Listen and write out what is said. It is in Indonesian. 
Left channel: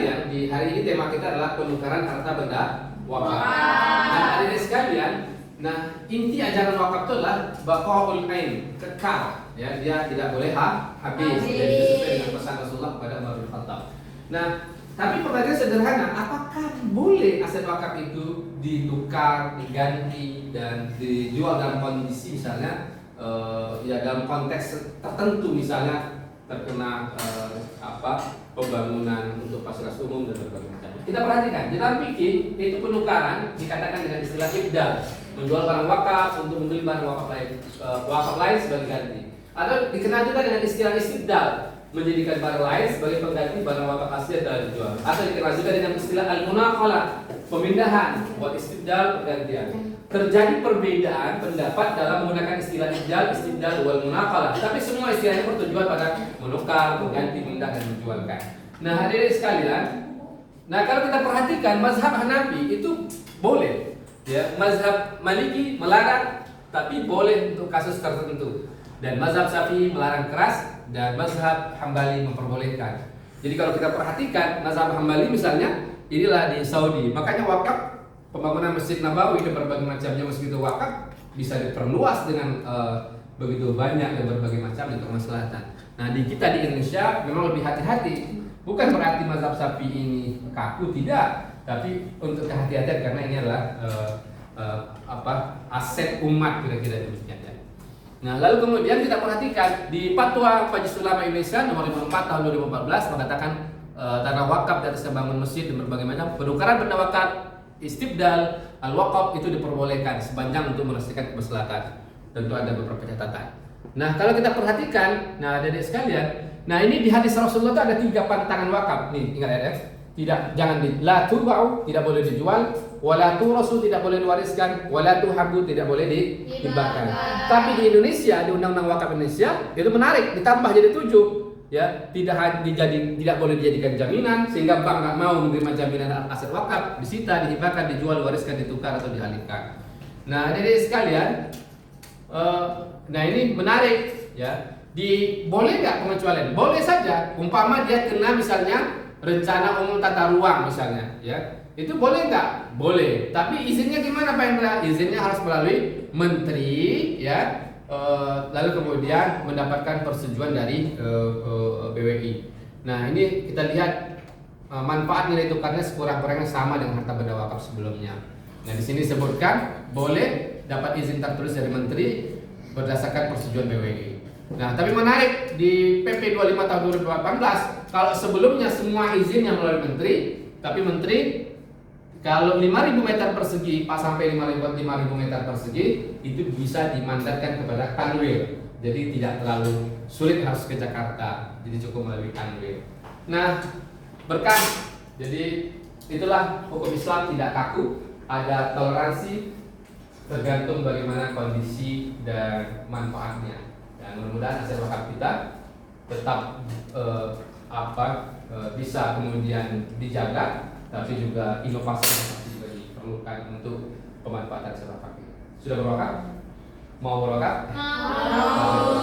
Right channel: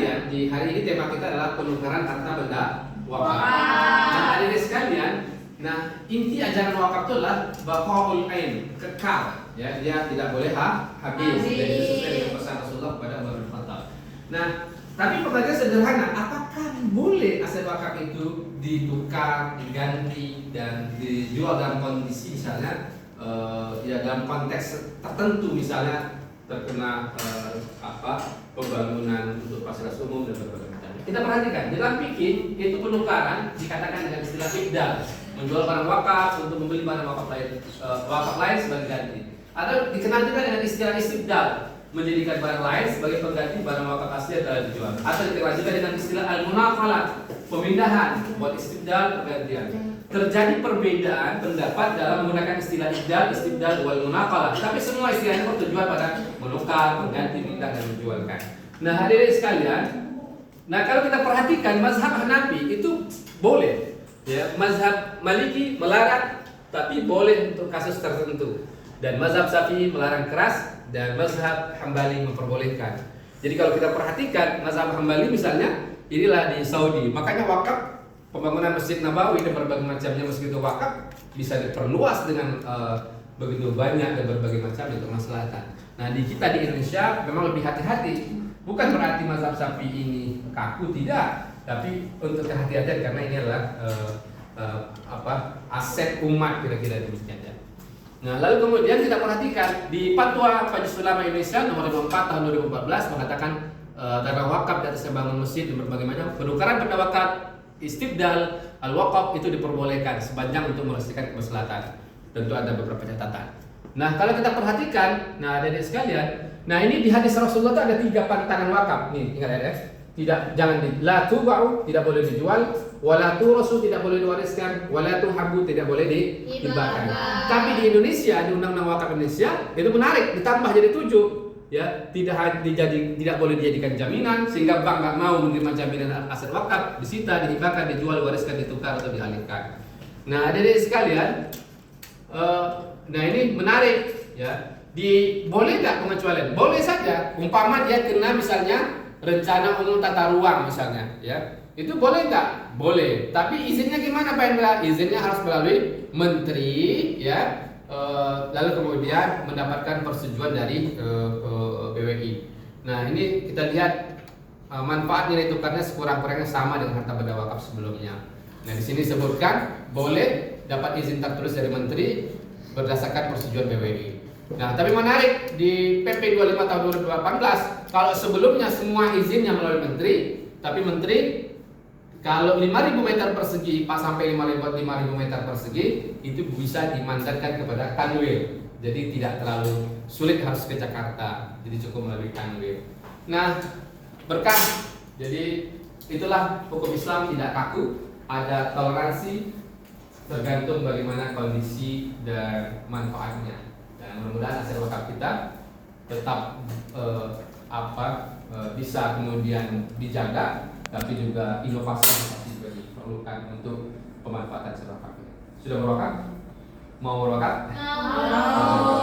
sekalian, di hari ini tema kita adalah penukaran harta benda wakaf. Nah, hadirin sekalian, nah inti ajaran wakaf itu adalah baqaul ain, kekal, ya, dia tidak boleh habis. Jadi itu sesuai dengan pesan Rasulullah kepada Umar bin Khattab. Nah, tapi pertanyaan sederhana, apakah boleh aset wakaf itu ditukar, diganti, dan dijual dalam kondisi misalnya ya dalam konteks tertentu, misalnya terkena pembangunan untuk fasilitas umum dan berbagai macam. Kita perhatikan dalam fikih itu penukaran dikatakan dengan istilah ibdal, menjual barang wakaf untuk membeli barang wakaf lain sebagai ganti, atau dikenal juga dengan istilah istibdal, menjadikan barang lain sebagai pengganti barang wakaf asli yang telah dijual, atau dikenal juga dengan istilah al-munaqalah, pemindahan, buat istibdal, pergantian. Terjadi perbedaan pendapat dalam menggunakan istilah ibdal, istibdal, wal munaqalah, tapi semua istilahnya bertujuan pada menukar, mengganti, memindah, dan menjualkan. Nah, hadirin sekalian, nah kalau kita perhatikan mazhab Hanafi itu boleh, ya, mazhab Maliki melarang, tapi boleh untuk kasus tertentu, dan mazhab Syafi'i melarang keras, dan mazhab Hambali memperbolehkan. Jadi kalau kita perhatikan mazhab Hambali misalnya, inilah di Saudi, makanya wakaf pembangunan Masjid Nabawi dan berbagai macamnya masjid wakaf bisa diperluas dengan begitu banyak dan berbagai macam untuk kemaslahatan. Nah, di kita di Indonesia memang lebih hati-hati. Bukan berarti mazhab Syafi'i ini kaku, tidak, tapi untuk kehati-hatian karena ini adalah aset umat, kira-kira demikian ya. Nah, lalu kemudian kita perhatikan di Fatwa Majelis Ulama Indonesia nomor 54 tahun 2014 mengatakan tanah wakaf di atas bangun masjid dan berbagai macam penukaran benda wakaf, istibdal, al-waqaf itu diperbolehkan sepanjang untuk melestarikan kemaslahatan. Tentu ada beberapa catatan. Nah, kalau kita perhatikan, nah adik-adik sekalian, nah ini di hadis Rasulullah itu ada 3 pantangan wakaf. Nih, ingat ya. Tidak, jangan la tuba'u, tidak boleh dijual, wala turasu, tidak boleh diwariskan, wala tuhabu, tidak boleh dihibahkan. Tapi di Indonesia, di Undang-Undang Wakaf Indonesia itu menarik, ditambah jadi 7. Ya, tidak boleh dijadikan jaminan sehingga bank nggak mau menerima jaminan aset wakaf, disita, dihibahkan, dijual, diwariskan, ditukar atau dialihkan. Nah, adik-adik sekalian, nah ini menarik ya. Boleh nggak pengecualian? Boleh saja. Umpama dia kena misalnya rencana umum tata ruang misalnya, ya itu boleh nggak? Boleh. Tapi izinnya gimana Pak Hendra? Izinnya harus melalui menteri, ya. Lalu kemudian mendapatkan persetujuan dari BWI. Nah, ini kita lihat manfaat nilai tukarnya sekurang-kurangnya sama dengan harta benda wakaf sebelumnya. Nah, di sini disebutkan boleh dapat izin tertulis dari menteri berdasarkan persetujuan BWI. Nah, tapi menarik di PP 25 tahun 2018, kalau sebelumnya semua izinnya melalui menteri, tapi menteri kalau 5.000 meter persegi sampai 5.000 meter persegi itu bisa dimandatkan kepada kanwil. Jadi tidak terlalu sulit harus ke Jakarta. Jadi cukup melalui kanwil. Nah, berkah. Jadi itulah hukum Islam tidak kaku, ada toleransi tergantung bagaimana kondisi dan manfaatnya. Dan mudah-mudahan aset wakaf kita tetap bisa kemudian dijaga, tapi juga inovasi juga diperlukan untuk pemanfaatan aset wakaf kita. Sudah berwakaf? Mau berwakaf? Mau.